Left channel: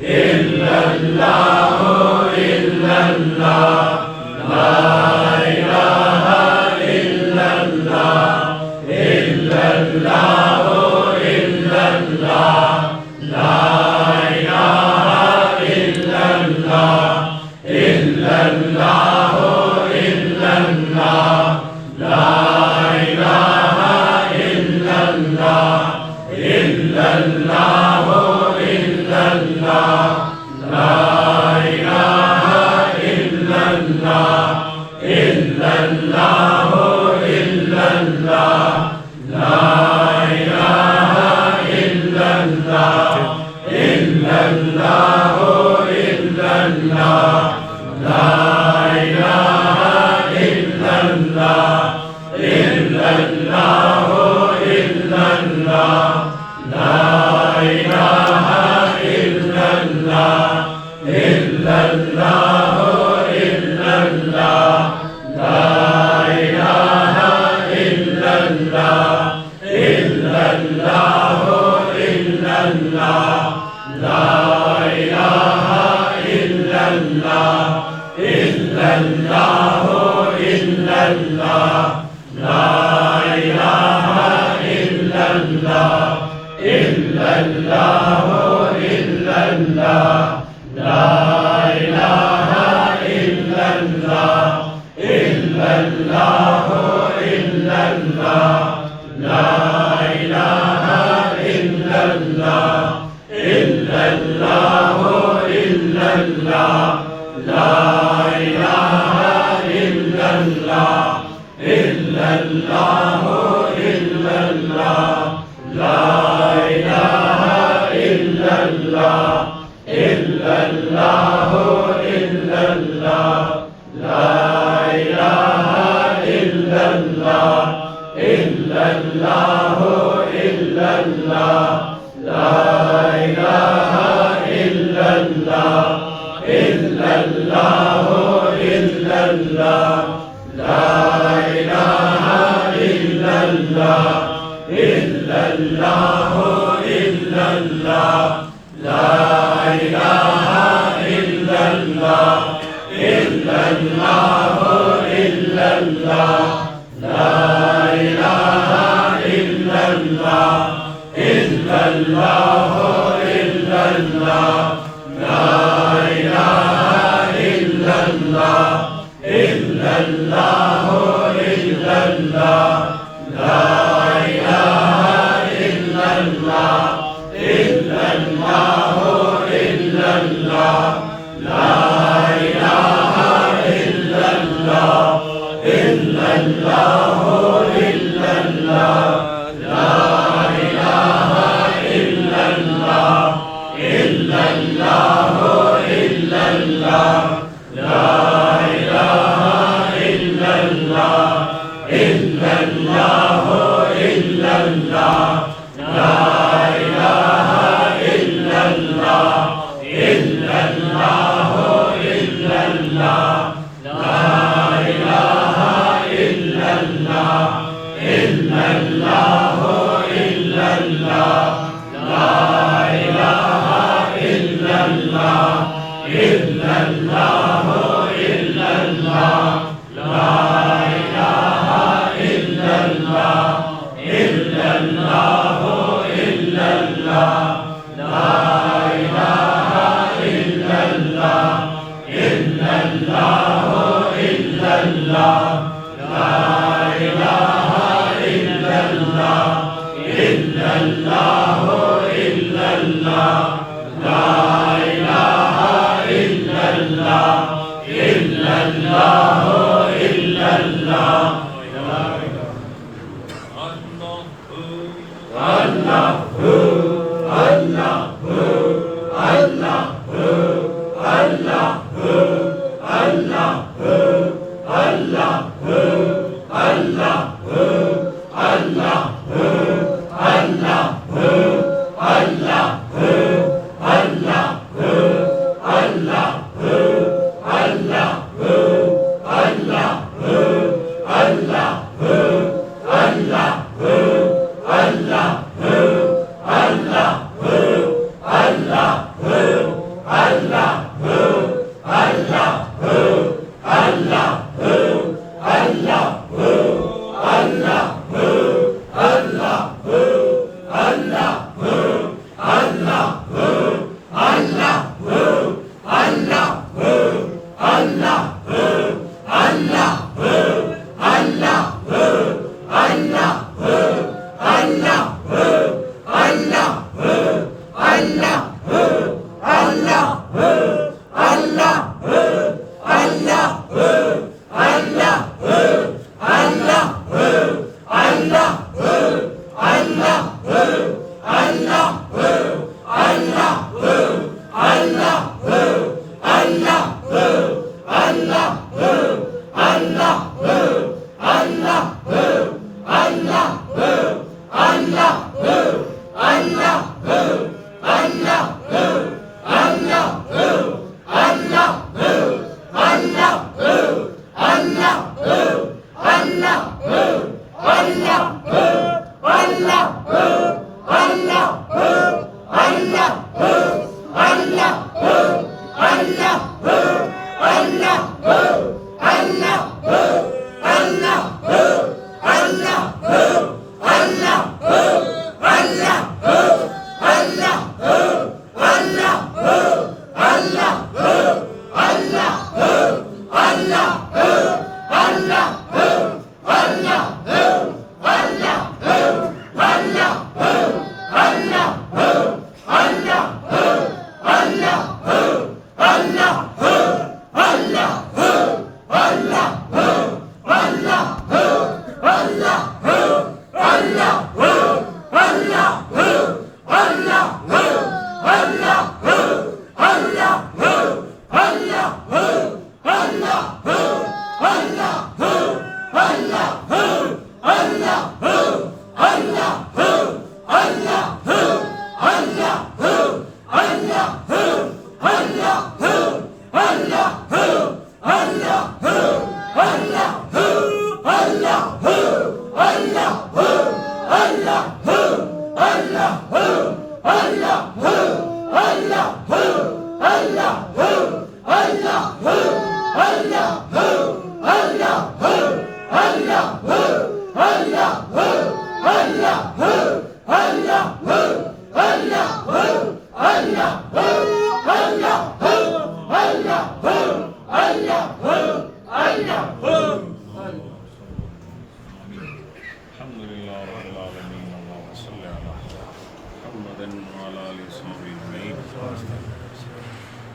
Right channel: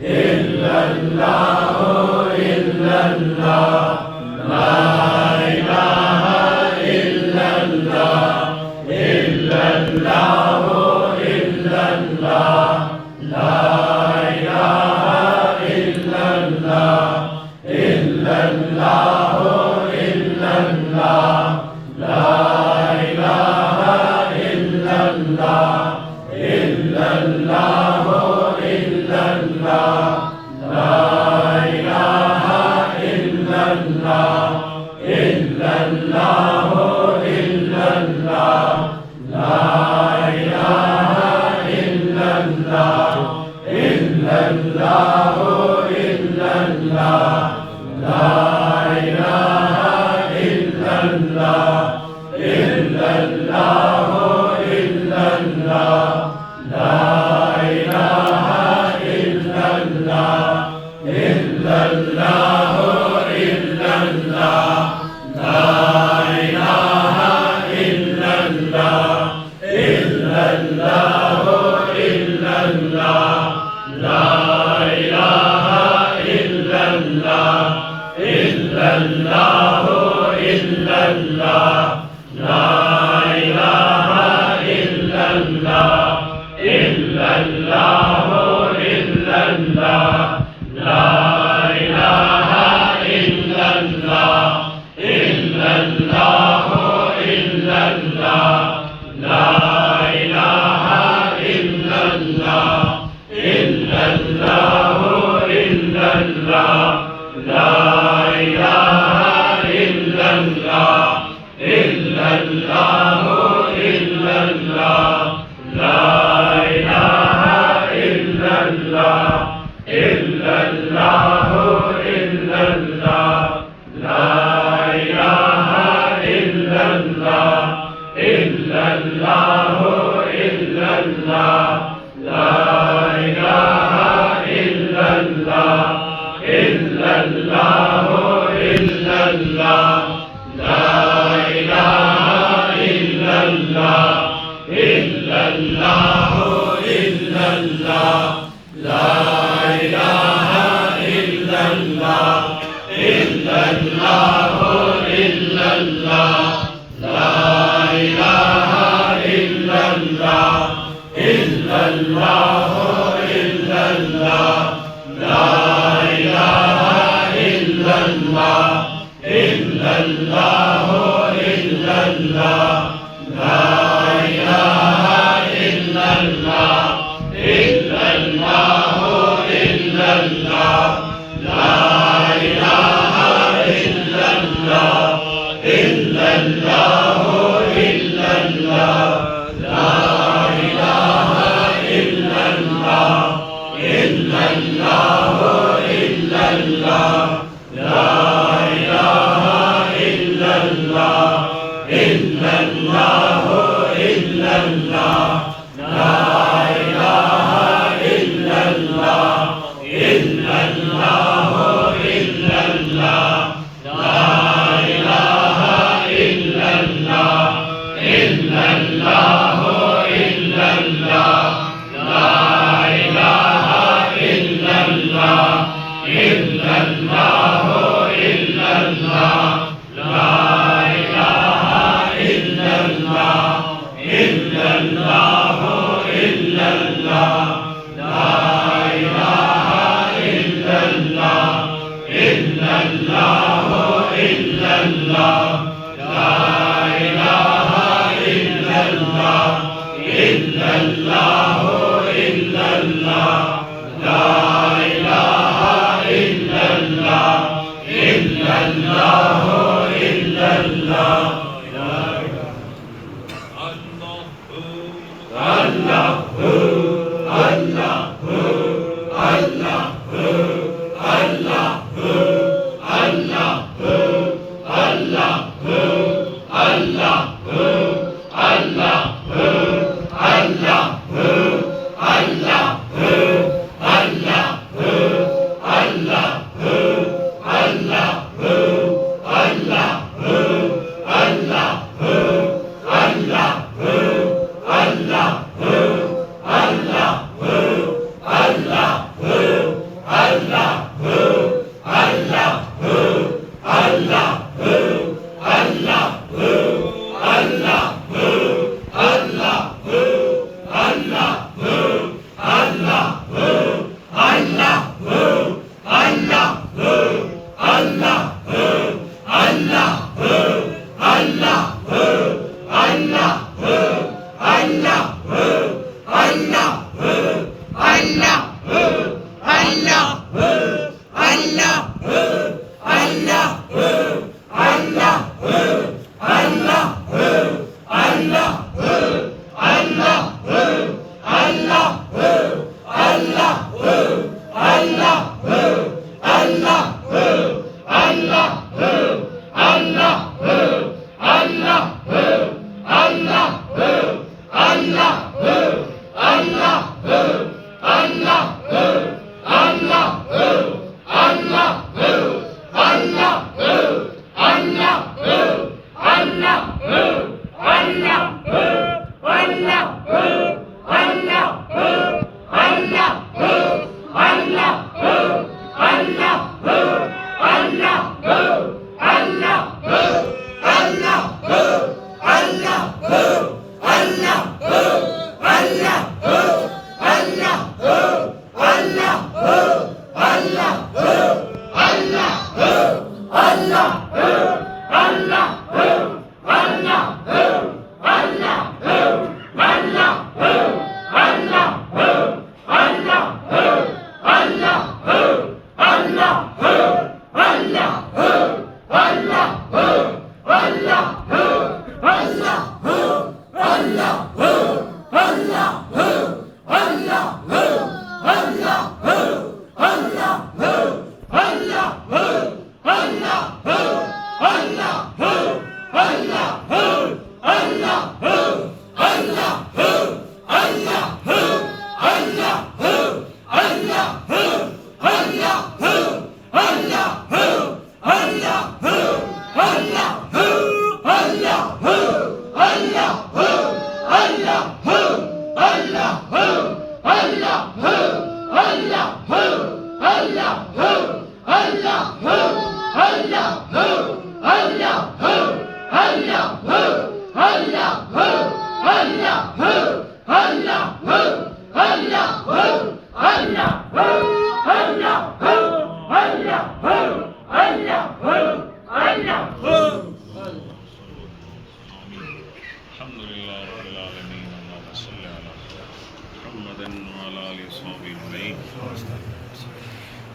Allah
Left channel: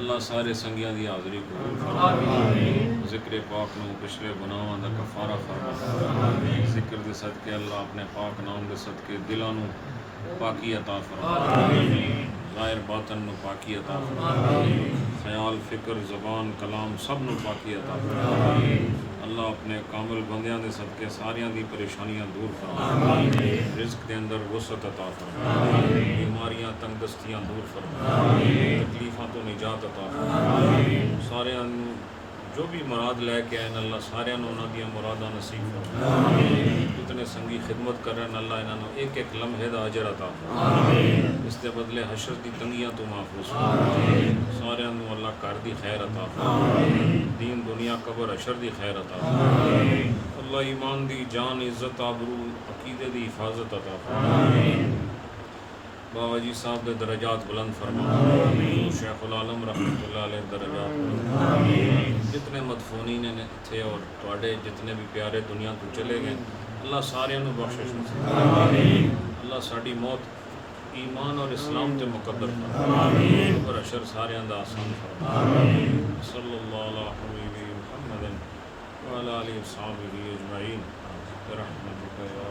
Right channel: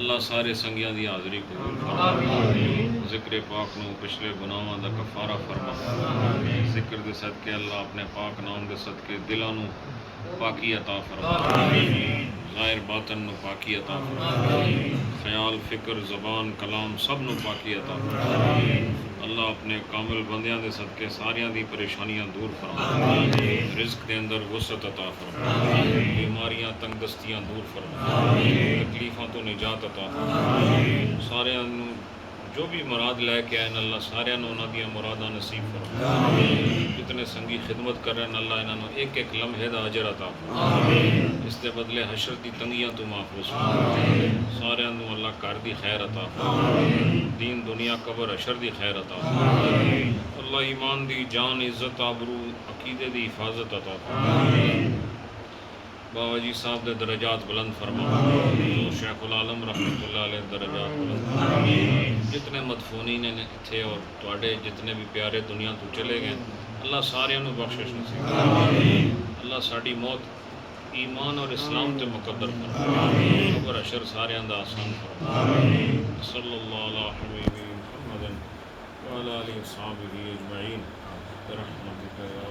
अल्लाह सारे संगियां दी हाज़री कबूल फरमा। ज़िक्र पाक नूं पिछले गुनाहां दा कफ़ारा फरमा। ज़िक्र दे सदके अल्लाह अपने पाक नाम दे सदके दिलां नूं पाकी अता फरमा। ज़ाहिर बातन नूं पाकी अता फरमा। ख्याल फ़िक्र ज़बान कलाम सब नूं पाकी अता फरमा। अल्लाह अपने कामिल बंदियां दे सदके सारियां दी परेशानियां दूर फरमा। रिज़्क़ दे अंदर वसअत अता फरमा। बीमारियां तंगदस्तियां दूर फरमा। तकलीफ़ां तो निजात अता फरमा। सारियां नूं जो भी मुराद लैके आए अल्लाह सारियां नूं उन्हां दियां मुरादां नसीब फरमा। जितने संगी खिदमत कर रहे अल्लाह इन्हां नूं एक एक लम्हे दा अजर अता फरमा। इस दे बदले हशर दी तंगियां तो महफूज फरमा। सारियां नूं अल्लाह घर दी खैर अता फरमा। दीन दुनिया कबर हशर दी खैर अता फरमा। अल्लाह ईमान दी जान इज़्ज़त आबरू अकीदे दी हिफाजत अता फरमा। बाबा जी साहब दे दरजात बुलंद फरमा। शेखुल आलम रहमतुल्लाह अलैह दरजात बुलंद फरमा। जितने मदफूनीन ने इत्थे और तुहाडे जितने भी प्यारे दुनिया तो चले गए अल्लाह सारियां नूं बख्शिश नसीब फरमा। अल्लाह साडी मौत ईमान और इस्लाम ते मुकद्दर फरमा। कबर हशर सारियां दा आसान फरमा। सल्लल्लाहु अला हबीबी मुहम्मदिन व अला आलिहि व अस्हाबिही अजमईन बिरहमतिका या